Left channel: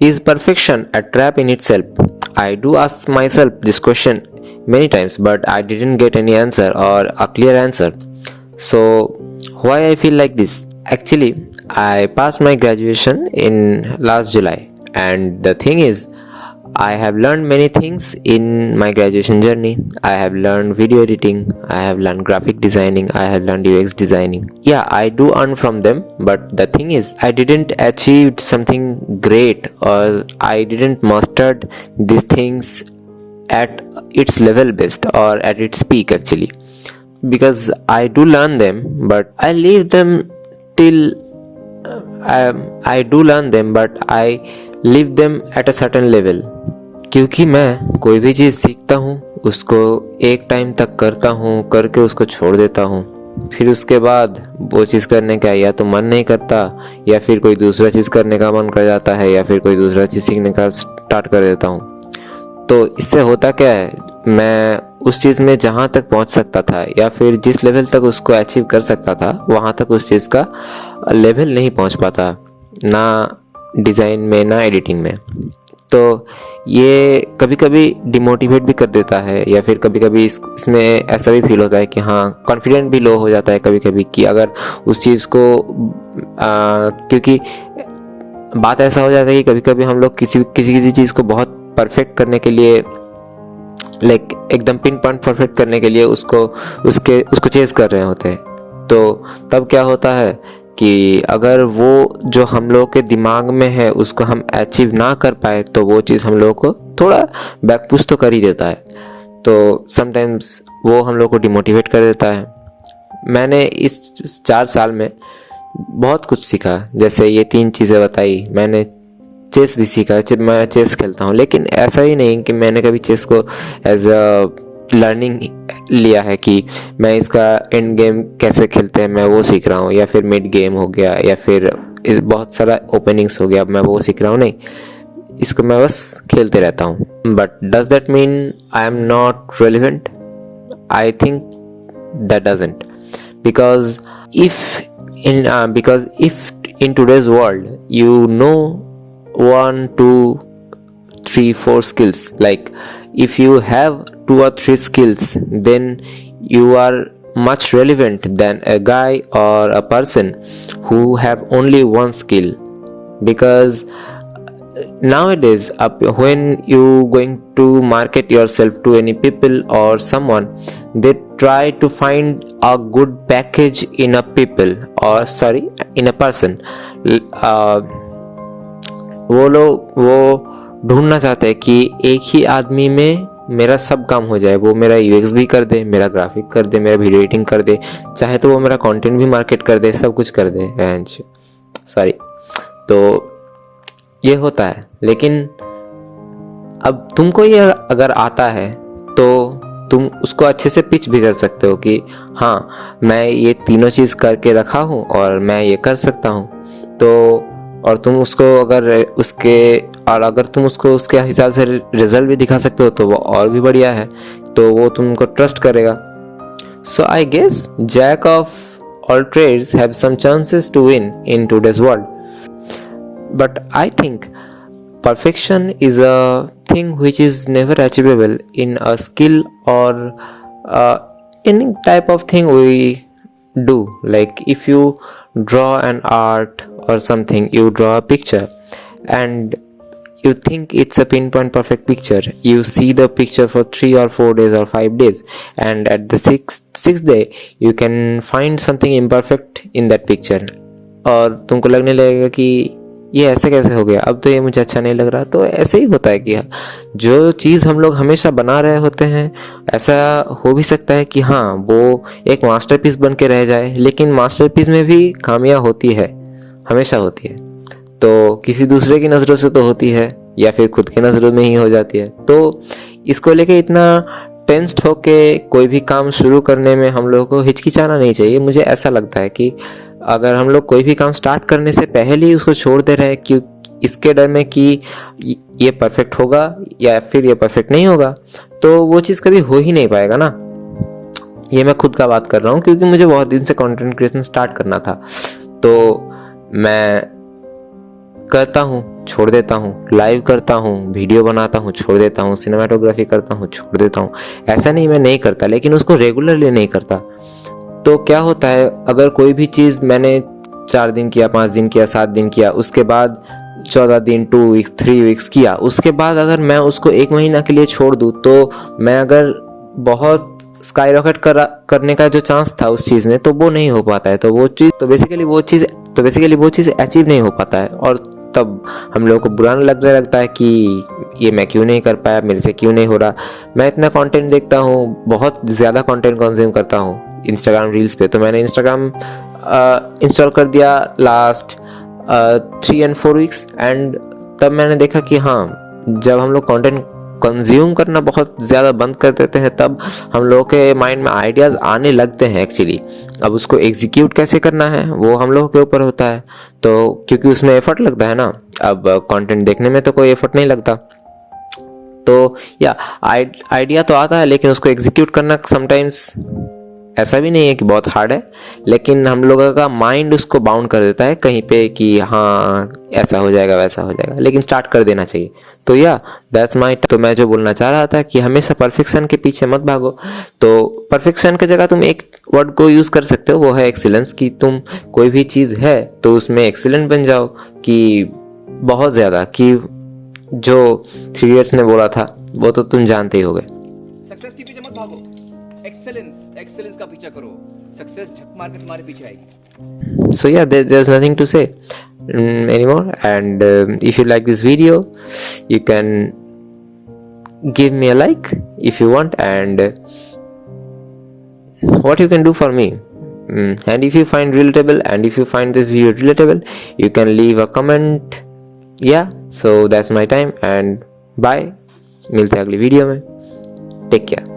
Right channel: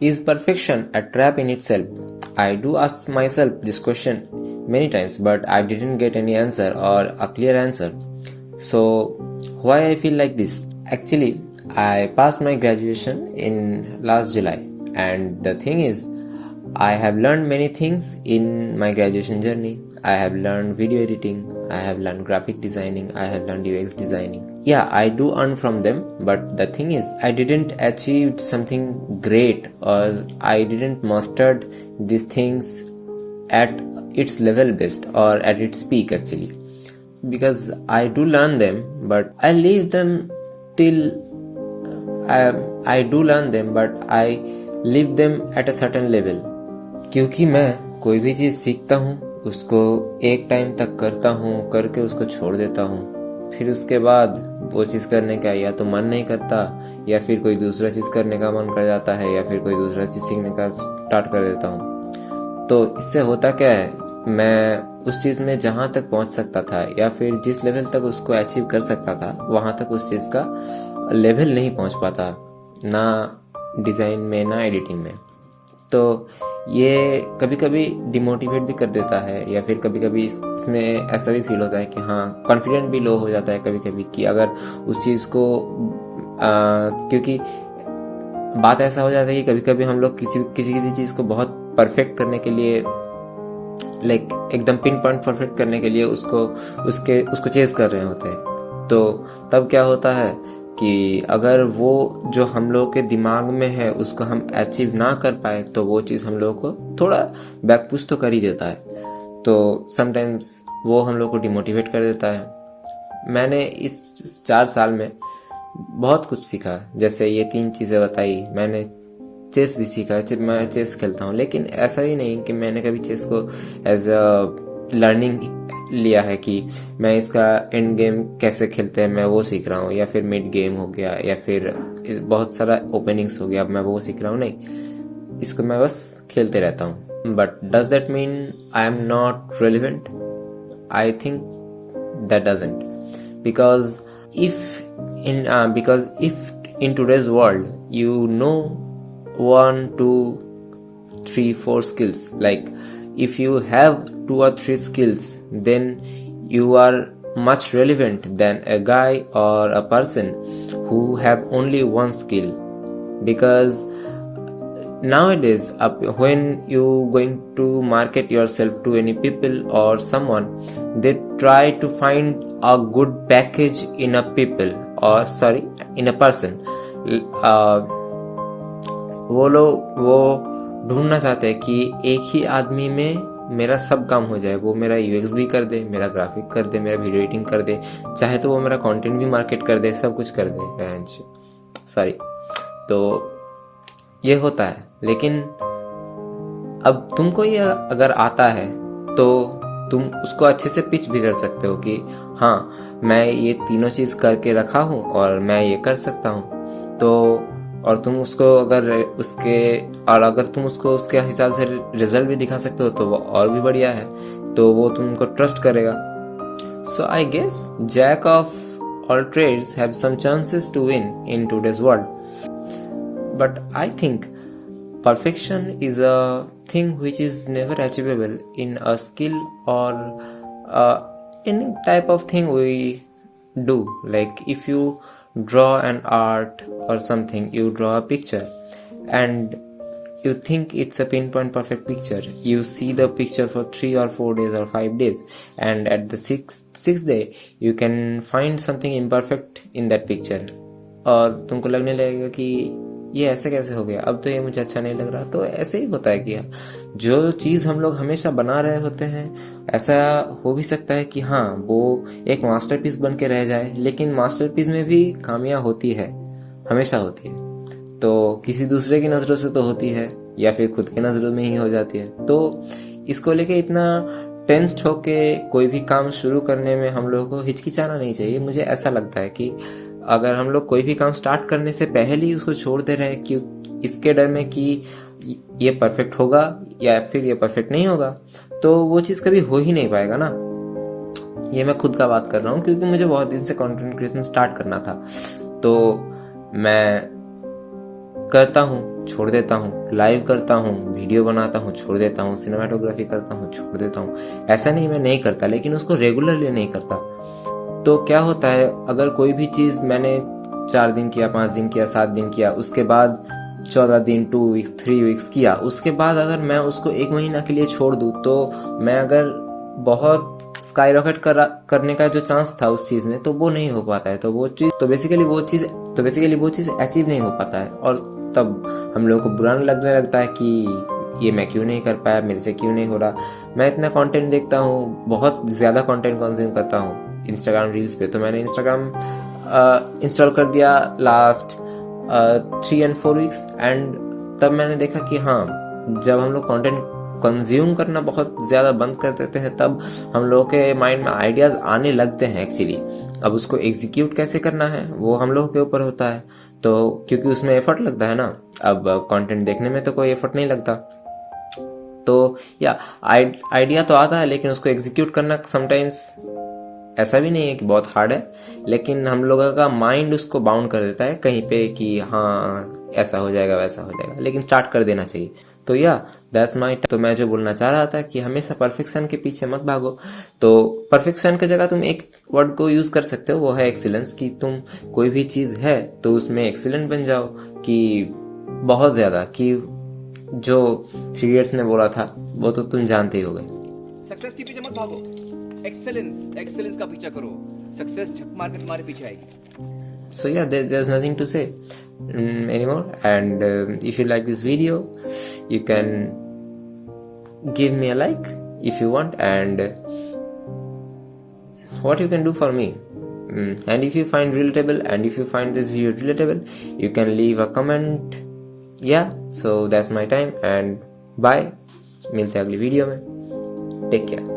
Is perfection a trap in itself? I do ask myself this question many times, but I didn't get any answer or a clear answer. So, why I feel like this? Actually, I passed my graduation in last July, and the thing is, I have learned many things in my graduation journey. I have learned video editing, I have learned graphic designing, I have learned UX designing. Yeah, I do earn from them, but the thing is, I didn't achieve something great, or I didn't mastered these things at its level best or at its peak actually. Because I do learn them, but I leave them till I do learn them, but I leave them at a certain level. क्योंकि मैं कोई भी चीज़ सीखता हूँ उसको एक time तक करता हूँ, करके उसको छोड़ देता हूँ, फिर उसके बाद वो चीज़ करने का या तो मन नहीं करता, या फिर कोई दूसरा चीज़ करने का मन कर जाता है, या फिर कोई दूसरा चीज़ सीखने का स्टार्ट कर देता हूँ। तो इससे होता क्या है, मैं उस चीज़ में जहाँ तक पहुँच सकता था या फिर जिस लेवल तक उसको अचीव कर सकता था वहाँ तक उस चीज़ का लेवल नहीं पहुँच पाता, ना डिज़ाइन में ना एडिटिंग में। तो ये कभी कभी डिमोटिवेट भी कर देता है, या फिर कभी कभी इसमें ऐसा भी फील होता है कि हाँ, कॉन्फिडेंट भी लो हो जाता है कभी कभी कि अगर उस चीज़ को क्योंकि बात ऐसा हो जाता है कि कभी कभी हम लोग किसी किसी किसी चीज़ को बहुत परफेक्ट करने के लिए, लाइक एकदम पिन पॉइंट परफेक्ट करने के लिए उसको चेज़ कर रहे होते हैं। तो तब क्या होता है कि अगर वो जो हम लोग के दिमाग में है उसको हम अचीव ना कर पाए तो वो चीज़ हम लोग को थोड़ा बैकपुश तो कर ही देता है। तो समटाइम्स वो हम लोग को डिमोटिवेट कर देता है। मैंने इस 4 साल में बहुत कुछ सीखा, जैसे ये 3 चीज़ें बताई। मैंने चेस भी सीखा, मैं चेस खेलता हूँ, लेकिन ऐसा ही नहीं कि मैंने कभी चेस को एज अ लर्निंग लिया है कि मैं इसका एंड गेम कैसे खेलते हैं मैं वो सीख रहा हूँ, या फिर मिड गेम हो गया, या फिर बहुत सारा ओपनिंग्स हो गया मैं वो सीख रहा हूँ। नहीं, इसको मैं बस खेलते रहता हूँ। But does that mean I am not relevant? I think that doesn't, because if in today's world you know 1 2 3 4 skills, like if you have 2 or 3 skills, then you are much relevant than a guy or a person who have only 1 skill. Because nowadays when you going to market yourself to any people or someone, they try to find a good package in a people, or sorry, in a person. वो लोग वो ढूंढना चाहते हैं कि एक ही आदमी में मेरा सब काम हो जाए। वो मेरा यूएक्स भी कर दे, मेरा ग्राफिक कर दे, मेरा वीडियो एडिटिंग कर दे, चाहे तो वो मेरा कंटेंट भी मार्केट कर दे, सब कुछ कर दे। सॉरी, तो ये होता है। लेकिन अब तुमको ये अगर आता है तो तुम उसको अच्छे से पिच भी कर सकते हो कि हाँ, मैं ये तीनों चीज़ करके रखा हूँ और मैं ये कर सकता हूँ। तो और तुम उसको अगर तुम उसको उसके हिसाब से रिजल्ट भी दिखा सकते हो तो वो और भी बढ़िया है, तो वो तुमको ट्रस्ट करेगा। So I guess jack of all trades have some chances to win in today's world, but I think perfection is a thing which is never achievable in a skill or any type of thing we do. Like if you draw an art or something, you draw a picture and you think it's a pinpoint perfect picture. You see the picture for 3 or 4 days or 5 days, and at the sixth day you can find something imperfect in that picture, और तुमको लगने लगेगा कि ये ऐसे कैसे हो गया, अब तो ये मुझे अच्छा नहीं लग रहा। तो ऐसे ही होता है कि जो चीज़ हम लोग हमेशा बना रहे होते हैं, ऐसा हो भी सकता है कि हाँ वो एक मास्टरपीस बन के रह जाए, लेकिन मास्टरपीस में भी खामियां होती है, हमेशा होती है। तो किसी दूसरे की नज़रों से तो होती है, या फिर खुद की नज़रों में ही हो जाती है। तो इसको लेके इतना टेंस्ड होके कोई भी काम शुरू करने में हम लोगों को हिचकिचाना नहीं चाहिए। मुझे ऐसा लगता है कि अगर हम लोग कोई भी काम स्टार्ट करने से पहले ही उसको छोड़ दे रहे हैं कि इसके डर में कि ये परफेक्ट होगा या फिर ये परफेक्ट नहीं होगा, तो वो चीज़ कभी हो ही नहीं पाएगा ना। ये मैं खुद का बात कर रहा हूँ, क्योंकि मुझे बहुत दिन से कंटेंट क्रिएशन स्टार्ट करना था। तो मैं करता हूँ छोड़ देता हूँ, लाइव करता हूँ, वीडियो बनाता हूँ छोड़ देता हूँ, सिनेमाटोग्राफी करता हूँ छोड़ देता हूँ। ऐसा नहीं मैं नहीं करता, लेकिन उसको रेगुलरली नहीं करता। तो क्या होता है, अगर कोई भी चीज़ मैंने 4 दिन किया, 5 दिन किया, 7 दिन किया, उसके बाद 14 दिन, 2 वीक्स, 3 वीक्स किया, उसके बाद अगर मैं उसको 1 महीना के लिए छोड़ दूँ, तो मैं अगर बहुत स्काई रॉकेट करने का जो चांस था उस चीज़ में, तो वो नहीं हो पाता है। तो बेसिकली वो चीज़ अचीव नहीं हो पाता है, और तब हम लोगों को बुरा लगने लगता है कि ये मैं क्यों नहीं कर पाया, मेरे से क्यों नहीं हो रहा। मैं इतना कंटेंट देखता हूँ, बहुत ज़्यादा कंटेंट कंज्यूम करता हूँ इंस्टाग्राम रील्स पे। तो मैंने इंस्टाग्राम इंस्टॉल कर दिया लास्ट 3 and 4 वीक्स, एंड तब मैंने देखा कि हाँ, जब हम लोग कंटेंट कंज्यूम करना बहुत ज़्यादा बंद कर देते हैं, तब हम लोगों के माइंड में आइडियाज़ आने लगते हैं एक्चुअली। अब उसको एग्जीक्यूट कैसे करना है वो हम लोगों के ऊपर होता है, तो क्योंकि उसमें एफर्ट लगता है ना। अब कंटेंट देखने में तो कोई एफर्ट नहीं लगता, तो या आइडिया तो आता है, लेकिन उसको एग्जीक्यूट करना समटाइम्स ऐसा भी नहीं है कि बहुत हार्ड है, लेकिन हम लोगों का माइंड उसको बाउंड कर देता है कहीं पे कि हाँ ऐसा हो जाएगा वैसा हो जाएगा, लेकिन स्टार्ट कर देना चाहिए। तो या दैट्स माय। तो मैं जो बोलना चाह रहा था कि हमेशा परफेक्शन के पीछे मत भागो। तो परफेक्शन की जगह तुम एक वर्ड को यूज़ कर सकते हो, वो है एक्सीलेंस। कि तुम कोई भी चीज़ है तो उसमें एक्सीलेंट बन जाओ, कि बहुत ज़्यादा, कि जो 3 इडियट्स ने बोला था वो तो तुम जानते ही होगे। सक्सेस के पीछे मत भागो, एक्सेलेंस का पीछा करो। सक्सेस झक मार के तुम्हारे पीछे आएगी। So yeah, there's nothing to say anymore, and if you like this video, you can give me a like if you want, and what you can do for me, and if you find relatable, and if you find this video relatable, you can leave a comment. Yeah, so that's my time, and bye, मिलते हैं अगली video में। Take care.